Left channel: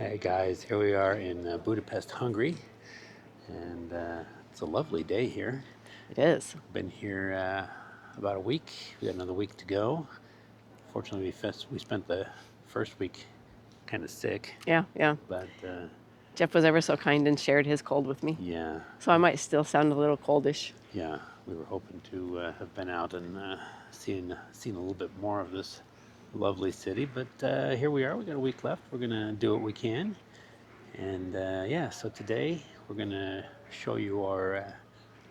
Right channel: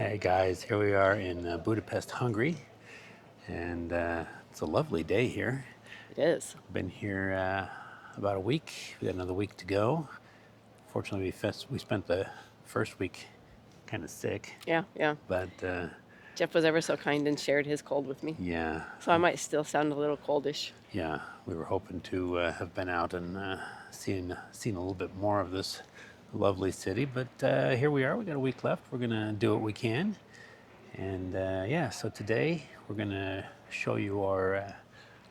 Hey guys, here we are in Budapest, Hungary, and it's a lovely day here. It is. Been here about a week. We got another week to go. Fortunately, we spent the first week kind of sick, Yeah. but Jeff was ever so kind and shared his cold with me. yeah, So I might still sound a little coldish. yeah, we were hoping to have been out and seen a little bit more of this lovely city, but here we are. We got a week left. We're gonna do what we can. And so today we're going to show you our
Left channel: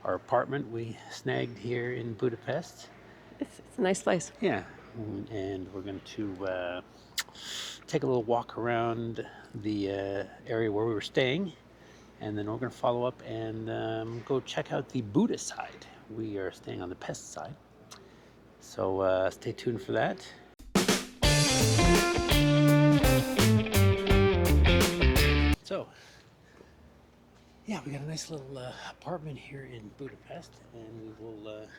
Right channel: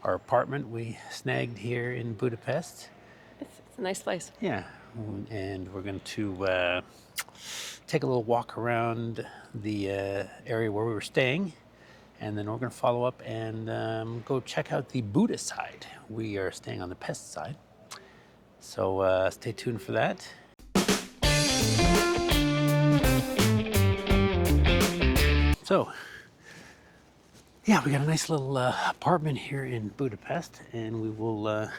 apartment we snagged here in Budapest. It's a nice place. Yeah, and we're going to take a little walk around the area where we were staying, and then we're going to follow up and go check out the Buda side. We are staying on the Pest side, so stay tuned for that. So, yeah, we got a nice little apartment here in Budapest, and we'll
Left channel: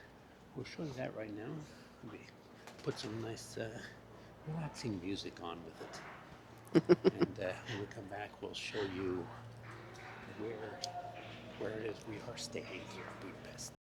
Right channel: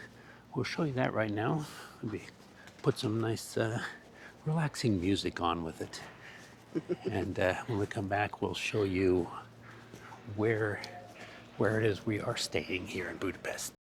show you that right now. Maybe put some nice relaxing music on with it, and when we come back, we'll show you where it is we are staying here in Budapest.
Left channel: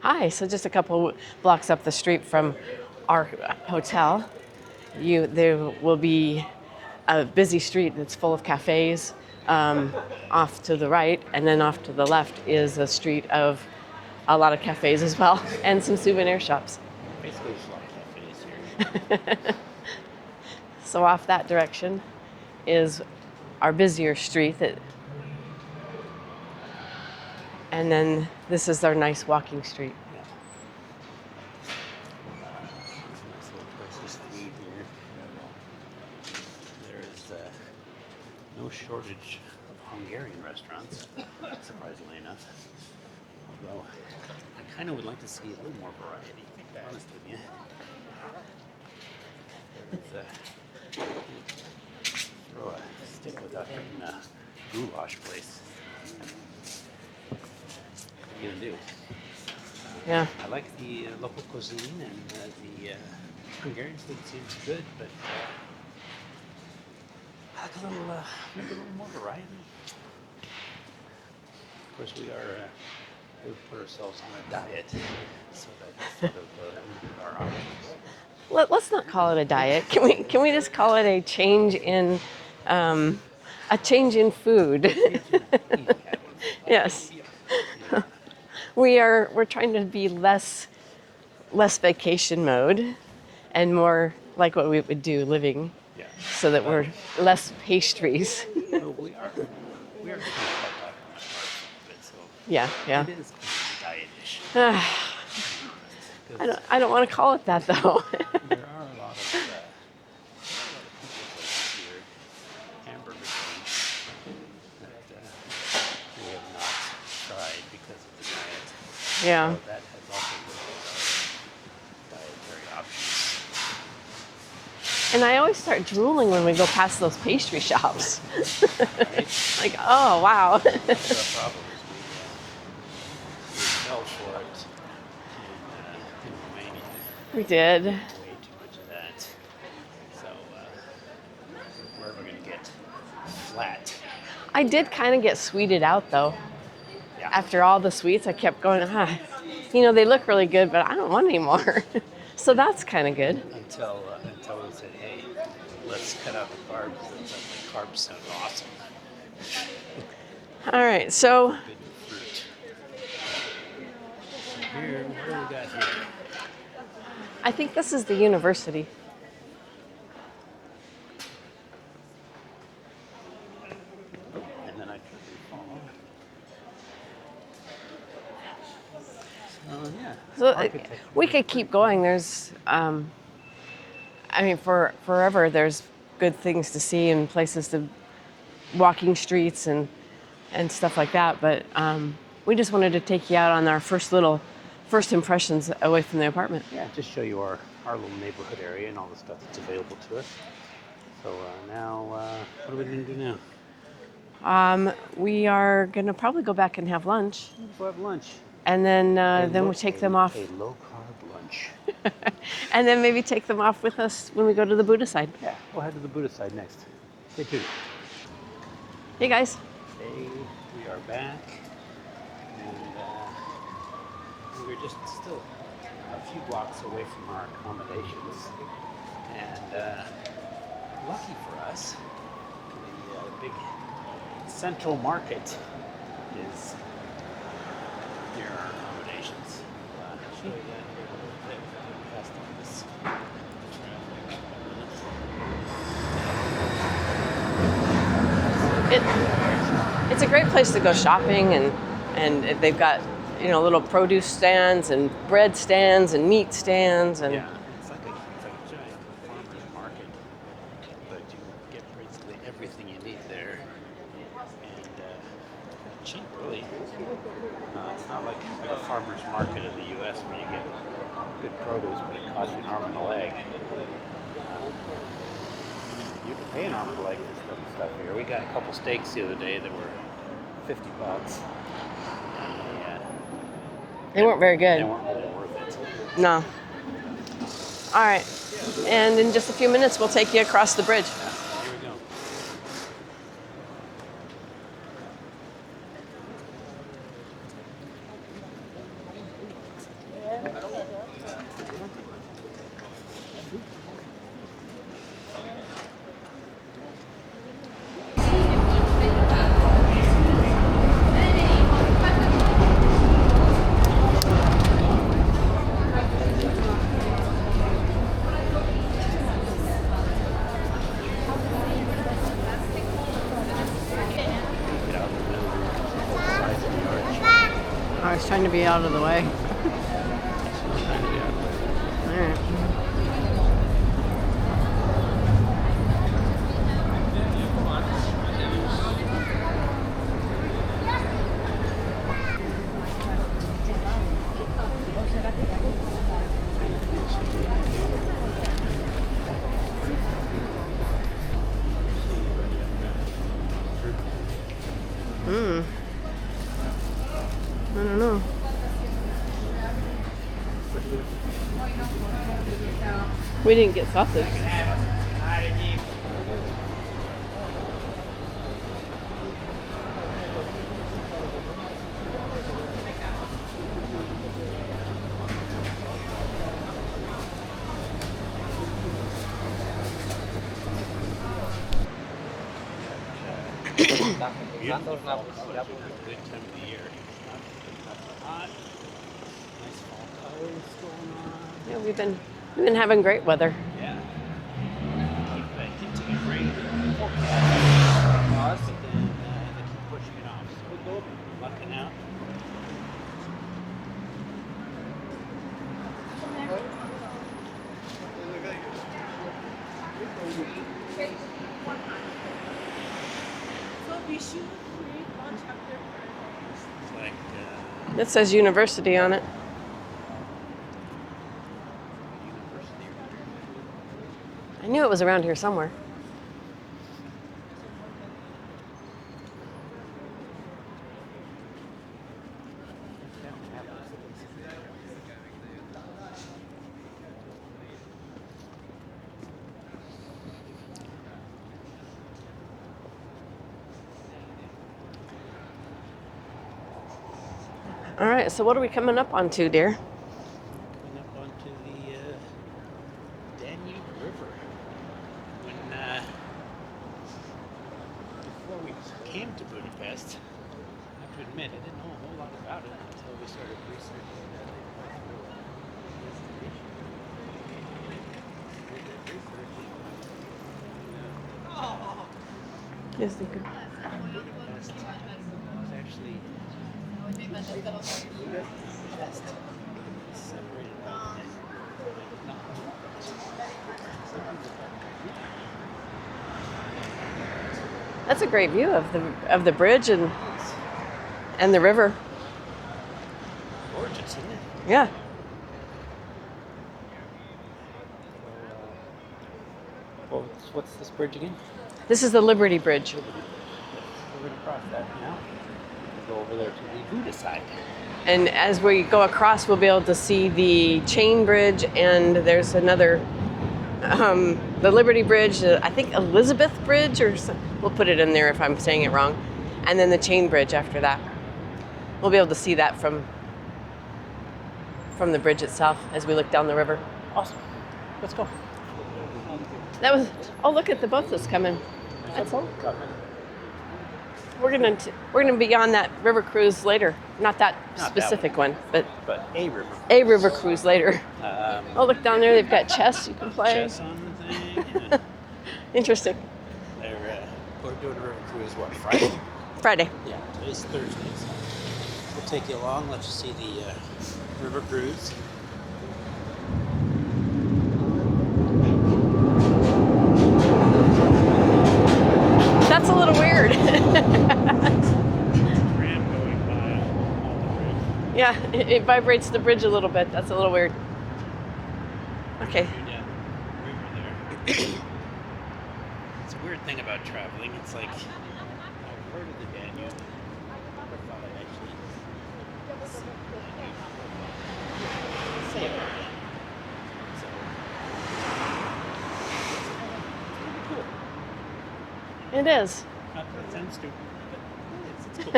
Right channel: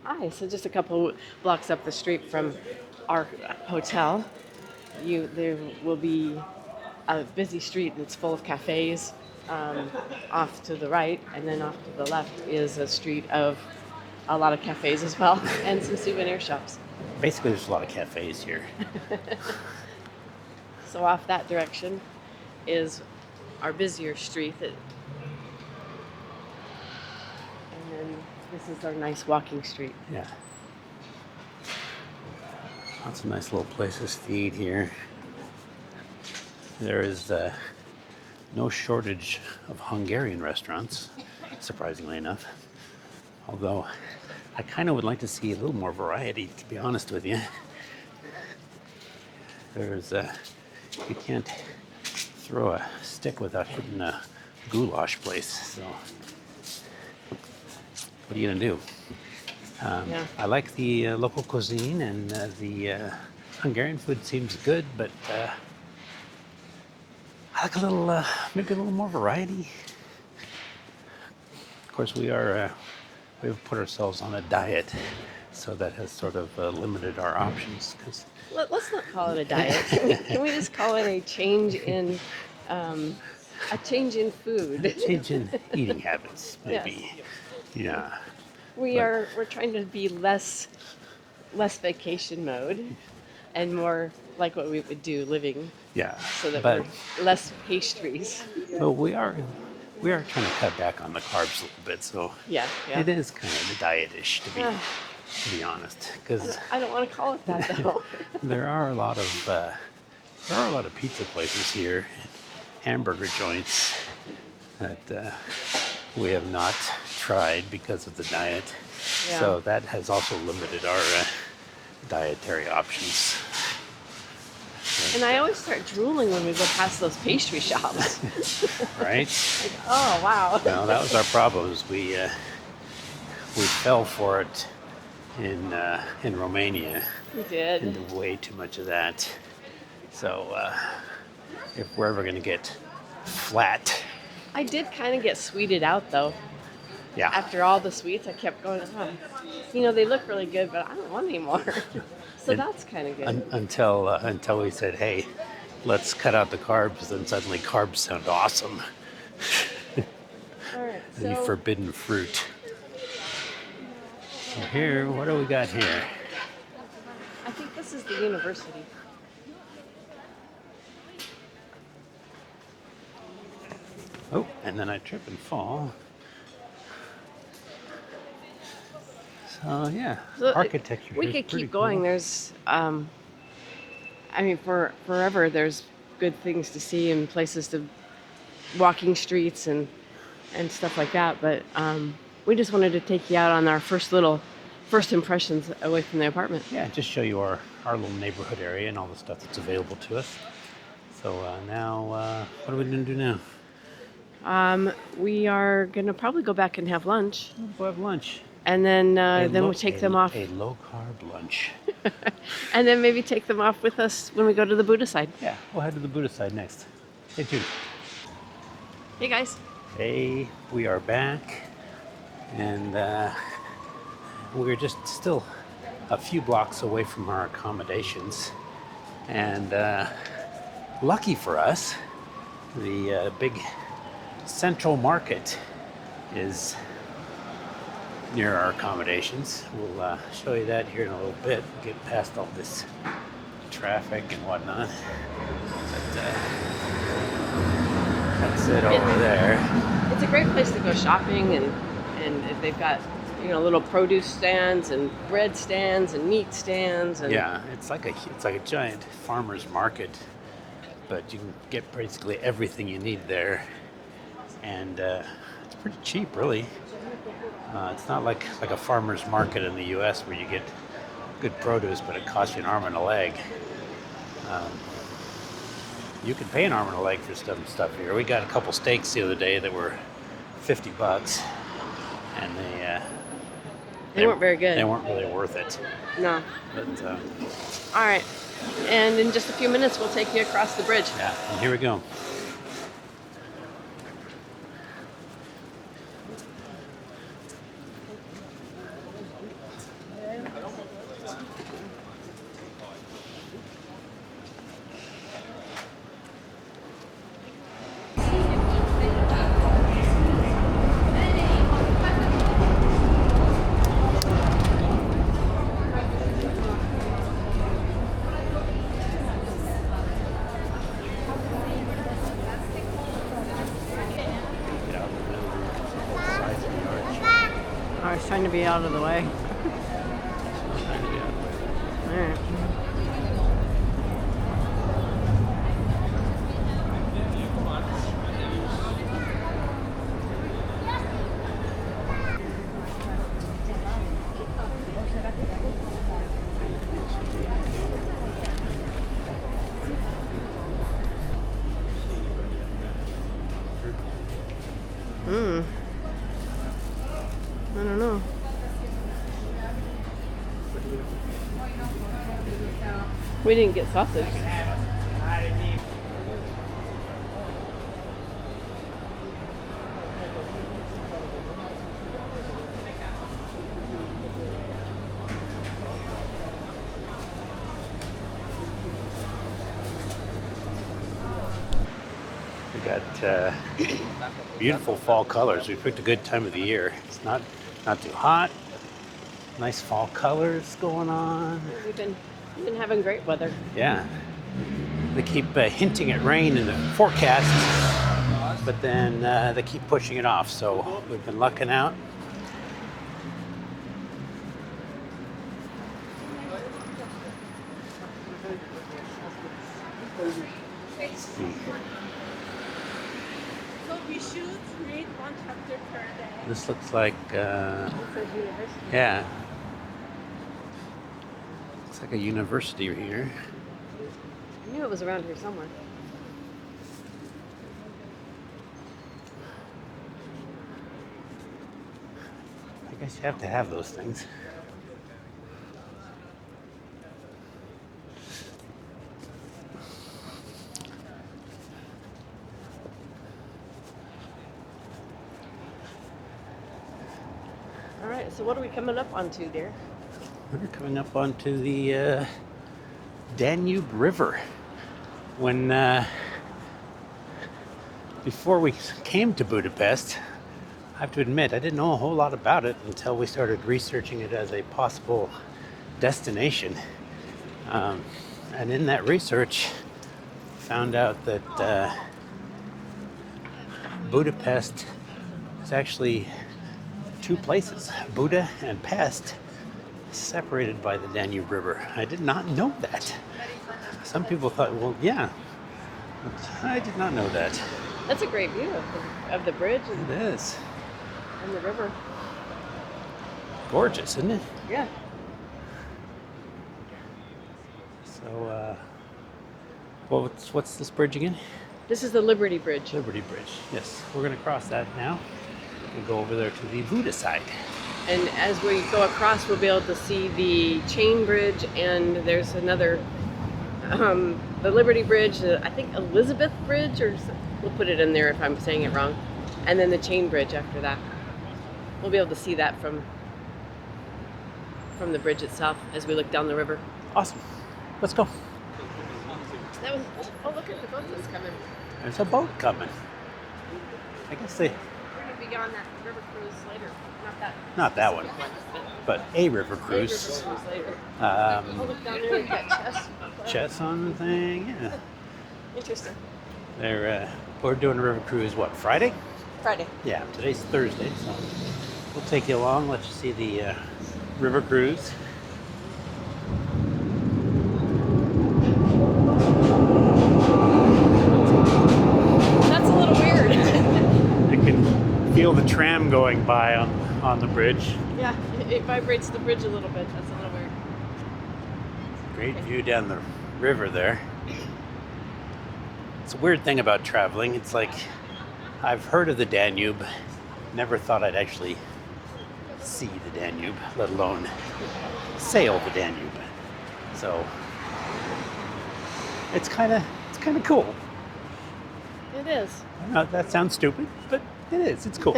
Hi, so just a couple blocks up the street from our hotel, there will be a busy street and it's full of cafes off to the right, and then off to the left is a street of a lot of cafes as well and some souvenir shops. Basically, there's a lot of cafes here. So off that direction is our busier street, and then this is our nice walking street. Yeah. Lots of nice little places to eat here. There is no shortage of Hungarian restaurants, surprisingly enough. Although I kind of would like to see a little more variety, to be honest with you. You can't throw a stick without hitting a goulash place. So what are you gonna do? Yeah. I like the local cuisine, and the Hungarian food seems good, but I like maybe a little more variety. Of course, we've put ourselves on a diet, so that has sort of limited our options. Let's not call it a diet. Can we just call it a change in food? Change in eating habits. Yes. Yeah. We're trying to be less vacation mode and more like what we would do living. Yeah. So that we're less pastries. So we are trying to cut back on the carbs a little bit. So Yeah. it is kind of diet-ish, to be honest. Because I don't want to call it that though. there are a lot of pizza places here, hamburger joints that we have not tried because of the diet. Yeah. So that has also limited our dietary options. And I always start drooling when we go past those pastry shops. Right? Like, oh, wow. No, that was our problem. Is we fell for it in Romania. We did. We did way too much of that. So if we're ever going to get flat, I did kind of get sweeted out, though. yeah. After all the sweets, I kept going, you know, they look really good, but I don't want any more. So that's kind of good. Until we said, hey, let's cut out the carbs, then suddenly carbs sound awesome. All right, so Forbidden fruit. So here, what do we got here? I think this is the university. Oh, and then I trip and fall. So yeah, So architecture. we is could pretty keep going. cool. There's, I mean, for forever, there's good things to see and places to, walking streets and stuff like that. But we just wanted to take you out on our first impressions away from the apartment. Yeah, just show you our little neighborhood area and all the stuff that's available to us. So now, what are we going to do now? We are gonna probably go back and have lunch, We'll have lunch. and then we'll take them off, A low-carb lunch. and then maybe take them off with us when we go to the Buddha side. Yeah, we'll head to the Buddha side next. Hey, Judy. Hey guys. Hey, we are back, and we're just still a few blocks away from our accommodations. And lucky for us, the big central market is near our accommodations. We'll show you that here in a little bit. Get past all this traffic and whatnot. But, that's it over there. It's a great place to go shopping, and they've got, you know, little produce stands and bread stands and meat stands, and Yeah, it's like a giant farmer's market, but you can get basically everything you need there, and it's pretty cheap, really. It's not like a farmer's market in the U.S. where you get good produce, but it costs you an arm and a leg. You can pay an arm and a leg for stuff here. We got a couple steaks the other day that were $50, and they weren't very good. They weren't really worth it. No. But, All right. And in just a few minutes, we'll take you across the bridge. yeah, here we go. Get out of the middle sides of the arch. I was trying to be out of the way. Trying to get out of the way. All right. I don't know. We didn't get sausage. We got beautiful fall colors. We picked a good time of the year. It's not too hot. Nice fall colors going on. We've been having great weather. Yeah. They keep hinting at rain in the forecast, but then they keep pushing it off. So we've been lucking out. So we should read one chapter per This looks like It says university on yeah. it. It's like a university here. I knew it was around here somewhere. I guess you have to have those things. All right, so what are we coming up onto, dear? We're coming up onto the Danube River. When before we came to Budapest, I have to admit I didn't know a whole lot about it until we started researching it as a possible destination. And in that research, found out that Budapest is actually two places, Buda and Pest, separated by the Danube River. I did not know that. Some people thought, well, yeah, I did not know that. That's a great view of the bridge It is and the river. gorgeous, isn't it? Yeah. So, well, what's this bridge again? This is the Liberty Bridge. Liberty Bridge. Yes, we're going to cross that now. And go over there to the Buda side. And as we go across, we'll be able to see the chain bridge, and there's another, the Liberty Bridge, I think Elizabeth Bridge, or we'll put it in there if I'm saying it wrong, and then the chain bridge after that. We'll be able to see that from the bridge itself as we look down the river. Awesome. Let's go. That was, oh, look at the boat that's coming. There's a boat coming. We're gonna be on that river cruise later. Not that specific one, but a river cruise. a river cruise later. Um, Oh, look down there, they've got chess you can play. Chess on the thing. Yeah. Interesting. We're doing a river cruise, what, Friday? Friday. Yeah, today's Thursday, so we'll take you along, let you see the river cruise. That's a little weird. I can feel the tram going by on the bridge. Yeah, it vibrates the bridge a little bit. That's a little weird. Great Okay. view down the river there. It's a weird thing about traveling. It's like I've heard of the Danube, never thought I'd actually see the Danube, let alone sail the Danube. So it's kind of cool. It is. That sounds stupid, but it is. It's cool.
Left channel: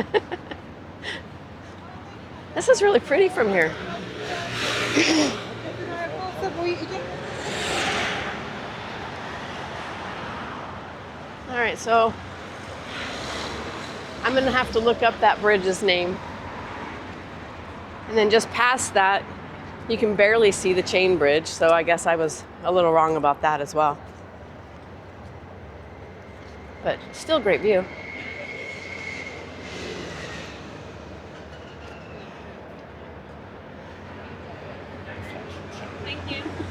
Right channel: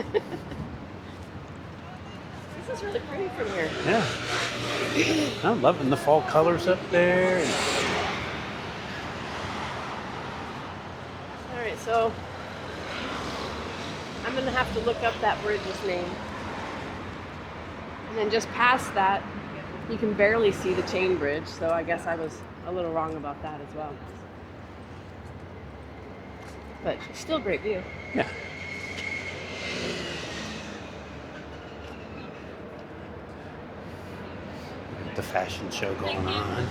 This is really pretty from here. Yeah. I'm loving the fall colors up there. All right, so I'm gonna have to look up that bridge's name. And then just past that, you can barely see the chain bridge, so I guess I was a little wrong about that as well. But still great view. Yeah. The fashion show going on.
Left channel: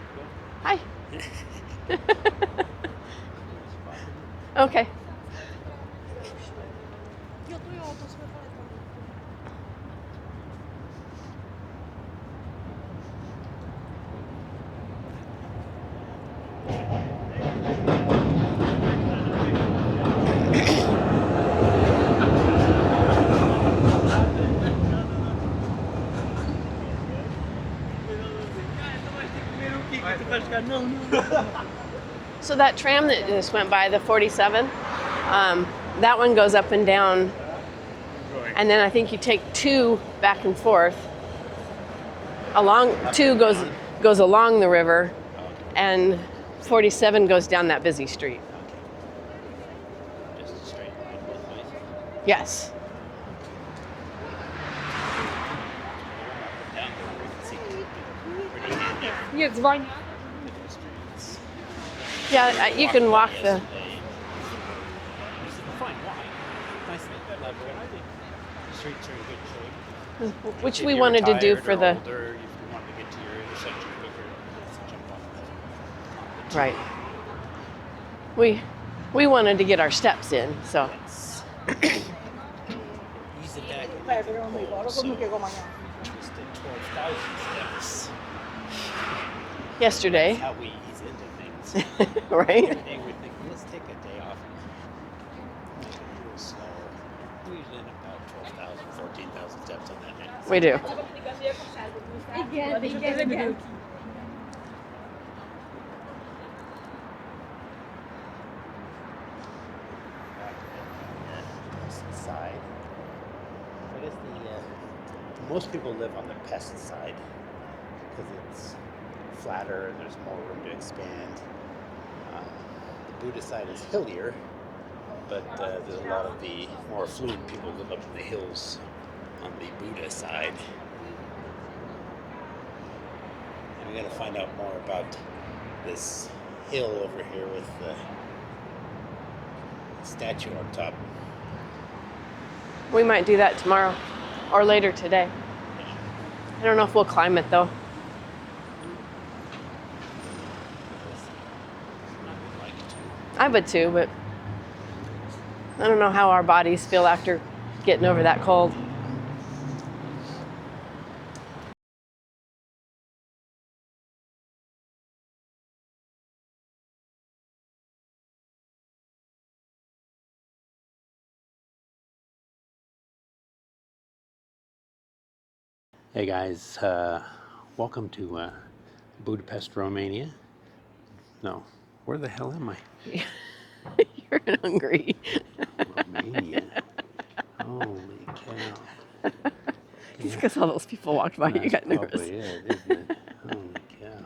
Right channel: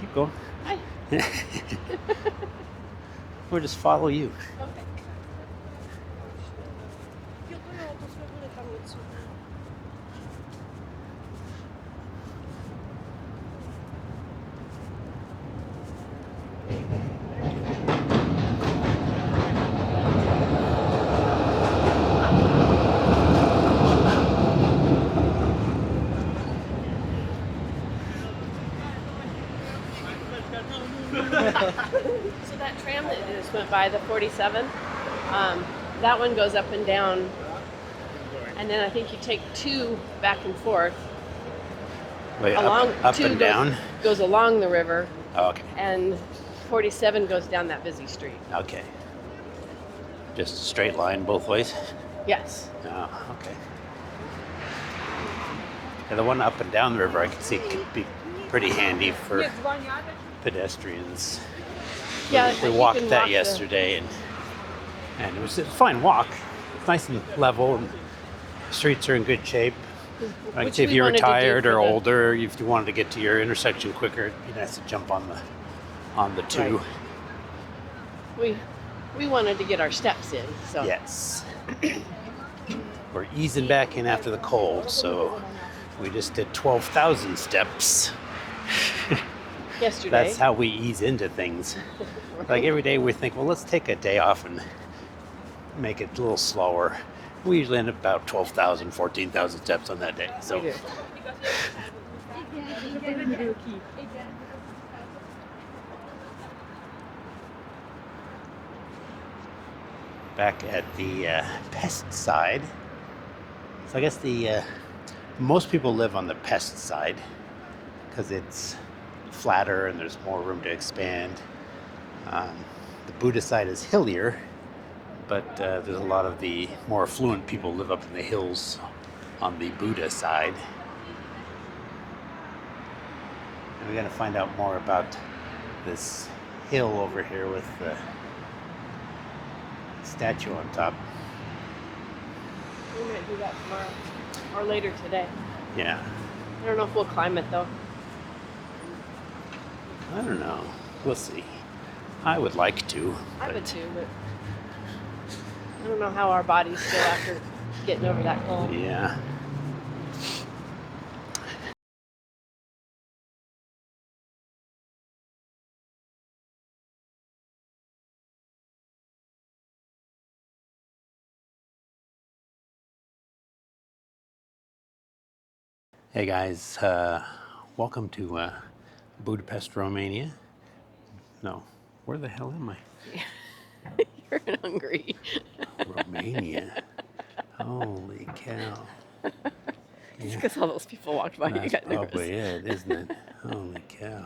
Keep going. Hi. We'll just follow you. Okay. So that tram that just went by, the 47, that one goes up and down, and then I think you take two back and forth. Wait, Along up two and down? goes along the river, Oh, okay. and 47 goes down that busy street. Okay. Just a straight line both ways? Yes. Oh, okay. And the one up and down the river I could see could be pretty handy for pedestrians. Yeah, We you walked can that walk yesterday, and it was a fine walk. Nice and level. And the streets are in good shape. Like Which if we you're wanted to do retired for or the older, if you wanted to get to your intersection quicker, you have to jump on the two. Right. We wanted to get our steps in, so Yes. We're easing back in after the cold, so we just did 12,000 steps. yesterday. That's how we ease into things. Right. Like every day we think, well, let's take a day off and make it a little slower. We usually end up about 12,000, 14,000 steps on that day. So. We do. Back at the pest side. So I guess the most people live on the pest side because it's flatter and there's more room to expand. The Buddha side is hillier, but there's a lot of the more affluent people live up in the hills on the Buddha side. And we got to find out more about this hill over here with the statue on top. We might do that tomorrow or later today. Yeah. I don't know if we'll climb it though. I don't know. We'll see. I would like to. I would too, but I don't know how our bodies feel after getting over that cold. Yeah. Hey guys, welcome to Budapest, Romania. No, where the hell am I? You're in Hungary. Romania. Holy cow. It's because all those people walked by. You That's got nervous. probably it, isn't it? Holy cow.